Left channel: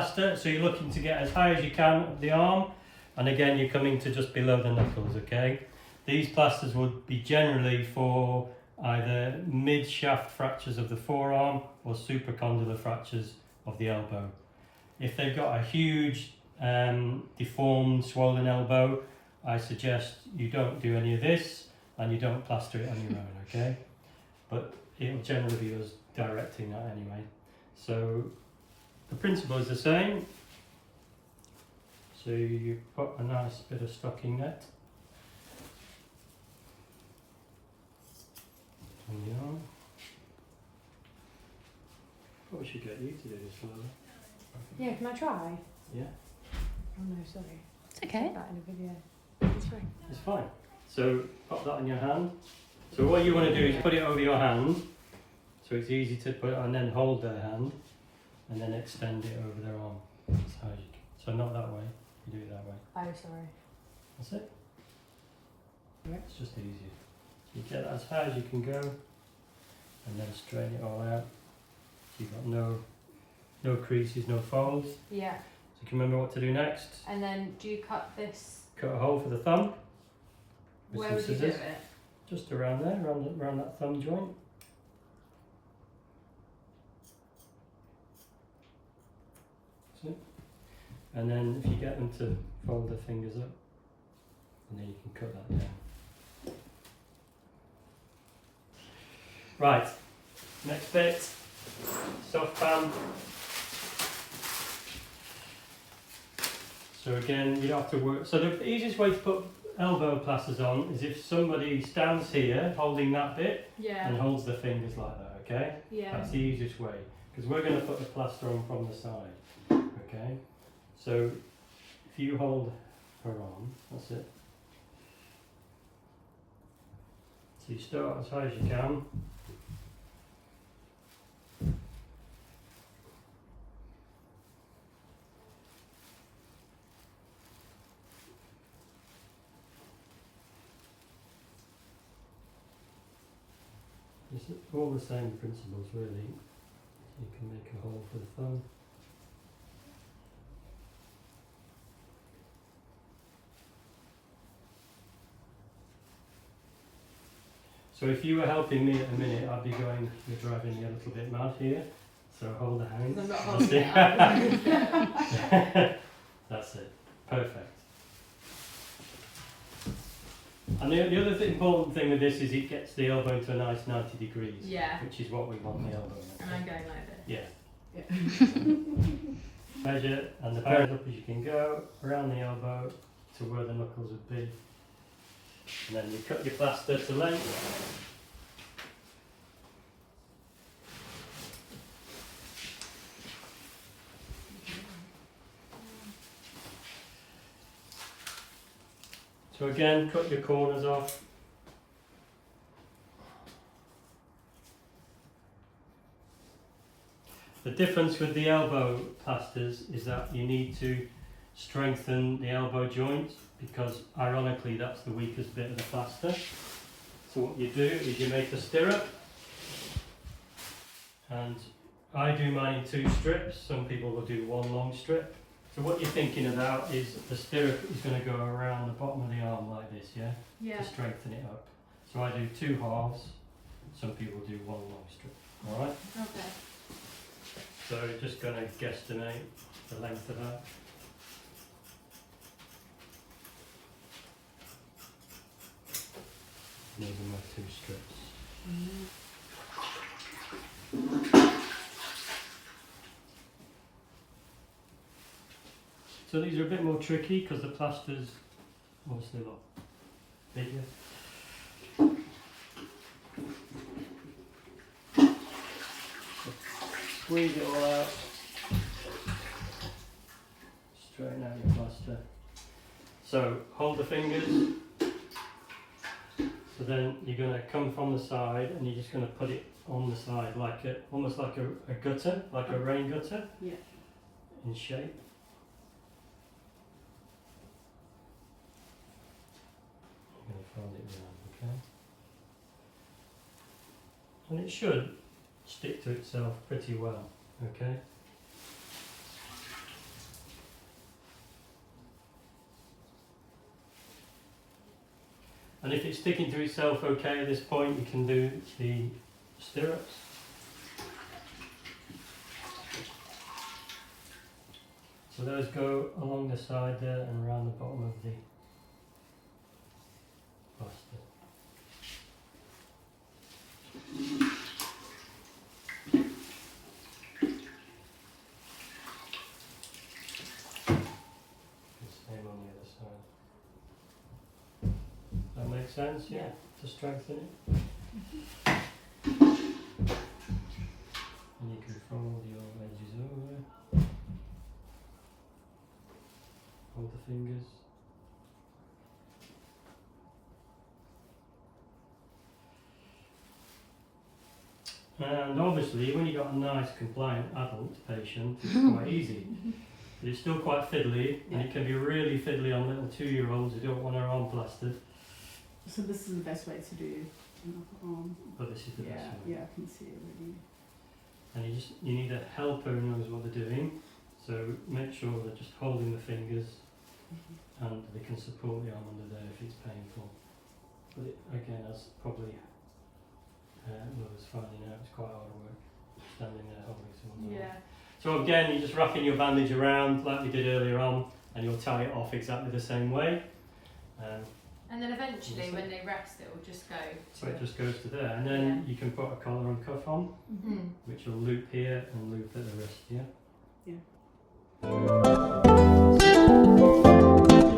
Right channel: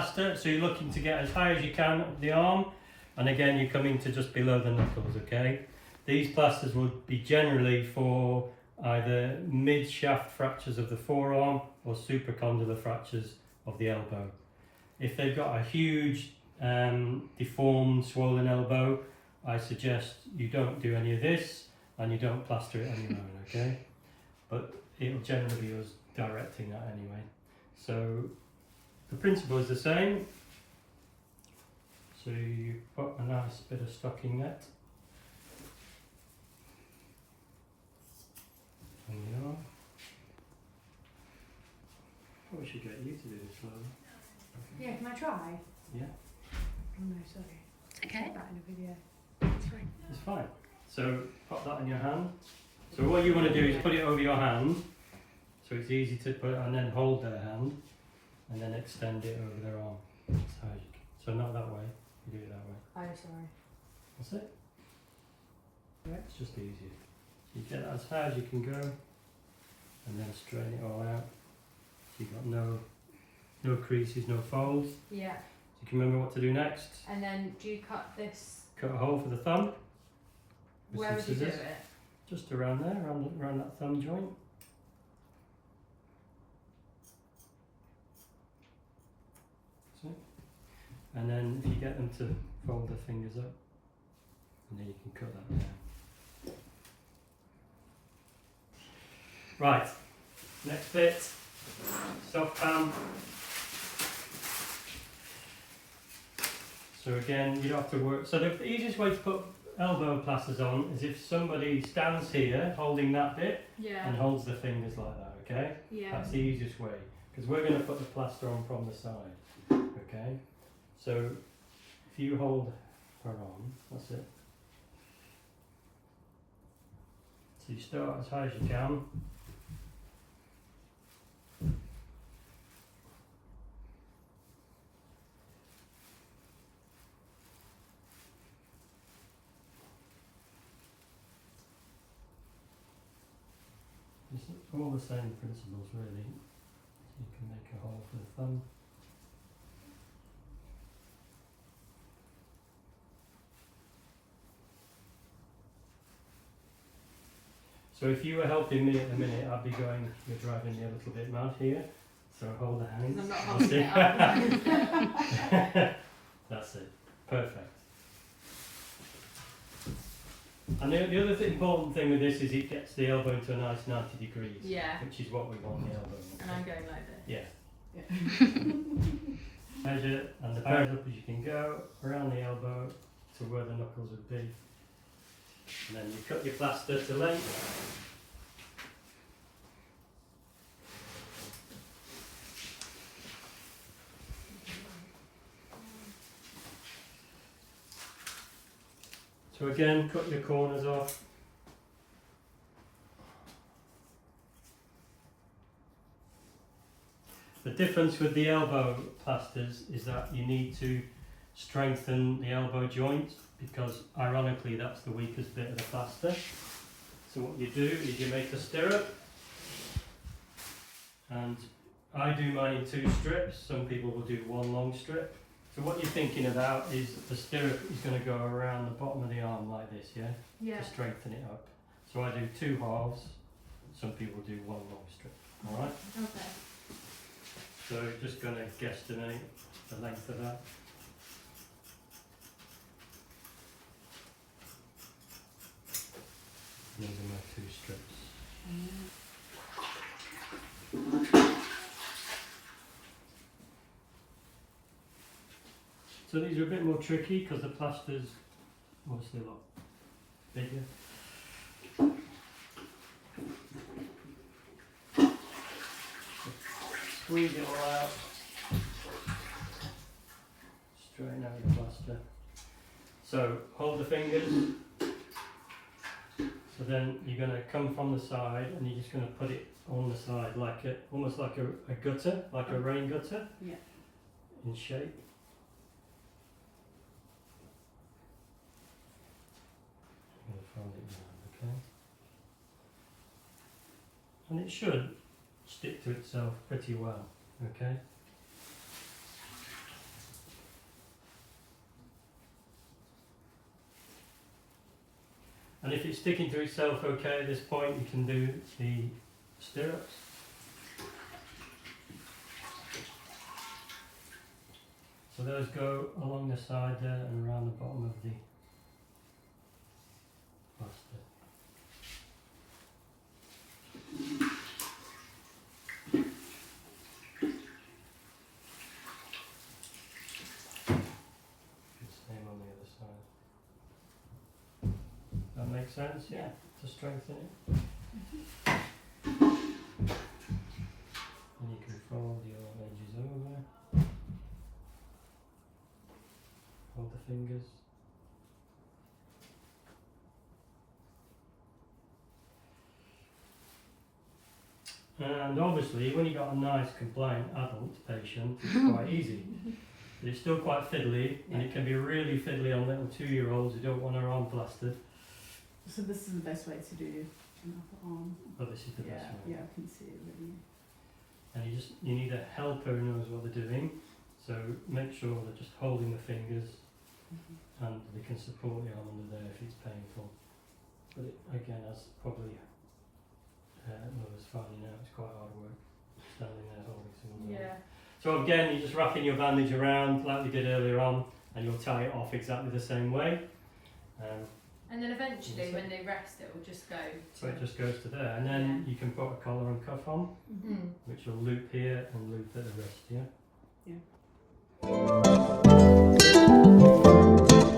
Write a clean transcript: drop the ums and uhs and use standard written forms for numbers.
plaster, so you're looking to get as high as you can up the arm, and again you're coming to just below the knuckles, okay? These plasters would be generally for either mid-shaft fractures of the forearm or supracondylar fractures of the elbow. If they've got a huge deformed, swollen elbow, I suggest you don't do any of this and you don't plaster it on your own, okay? But it'll generally be us directing that anyway. So the principle is the same. So you put a nice bit of stocking net on the arm. Probably should get you to do this, Lola. Yeah, can I try? Yeah. Oh no, sorry. It's okay. Put that in a video. It's fine. It's fine. So pop that on your hand. So what you want to do is put it over your hand, so it's easy to put, and then hold their hand, and then extend it over their arm. That's how you can. So not that way. You do it that way. Oh, sorry. That's it. It's just easy. So you get that as high as you can go, and then straighten it all out. So you've got no creases, no folds. Yeah. So you can remember what to do next. And then do you cut this? Cut a hole for the thumb. with Where some would you do scissors. it? Just around there, around that thumb joint. That's it. And then if you get them to fold their fingers up, and then you can cut that down. Right, next bit, soft pan. So again, you don't have to work. So the easiest way to put elbow plasters on is if somebody stands here holding that bit Yeah. and holds the fingers like that, okay? Yeah. That's the easiest way, because we're going to put the plaster on from the side, okay? So if you hold her arm, that's it. So you start as high as you can. It's all the same principles really. So you can make a hole for the thumb. So if you were helping me at the minute, I'd be going, you're driving me a little bit mad here. So hold the hands. I'm not holding it up. That's it. Perfect. And the other important thing with this is it gets the elbow to a nice 90 degrees. Yeah. Which is what we want the elbow. And I'm going like this. Yeah. Measure and the as up as you can go around the elbow to where the knuckles would be. And then you cut your plaster to length. So again, cut your corners off. The difference with the elbow plasters is that you need to strengthen the elbow joint, because ironically that's the weakest bit of the plaster. So what you do is you make a stirrup, and I do mine in 2 strips. Some people will do 1 long strip. So what you're thinking about is the stirrup is going to go around the bottom of the arm like this, yeah? Yeah. To strengthen it up. So I do 2 halves. Some people do 1 long strip. All right. Okay. So just going to guesstimate the length of that. These are my 2 strips. So these are a bit more tricky because the plaster's obviously a lot bigger. Squeeze it all out. Straighten out your plaster. So hold the fingers. So then you're going to come from the side and you're just going to put it on the side like almost like a gutter, like a rain gutter. Yeah. In shape. I'm going to fold it round, okay? And it should stick to itself pretty well, okay? And if it's sticking to itself okay at this point, you can do the stirrups. So those go along the side there and around the bottom of the plaster. Same on the other side. That makes sense, yeah? To strengthen it. And you can fold your edges over. Hold the fingers. And obviously, when you've got a nice, compliant adult patient, it's quite easy. But it's still quite fiddly, and it can be really fiddly on little 2-year-olds who don't want their arm plastered. So this is the best way to do an upper arm. But this is the best way. Yeah, I can see it really. And you need a helper who knows what they're doing. So make sure they're just holding the fingers, and they can support the arm under there if it's painful. But it, again, as probably was finding out, it's quite hard work standing there holding someone's arm. Yeah. So again, you're just wrapping your bandage around like we did earlier on, and you'll tie it off exactly the same way. And then eventually, when they rest, it will just go. So it just goes to there, and then you can put a collar and cuff on, which will loop here and loop at the wrist, yeah? Yeah.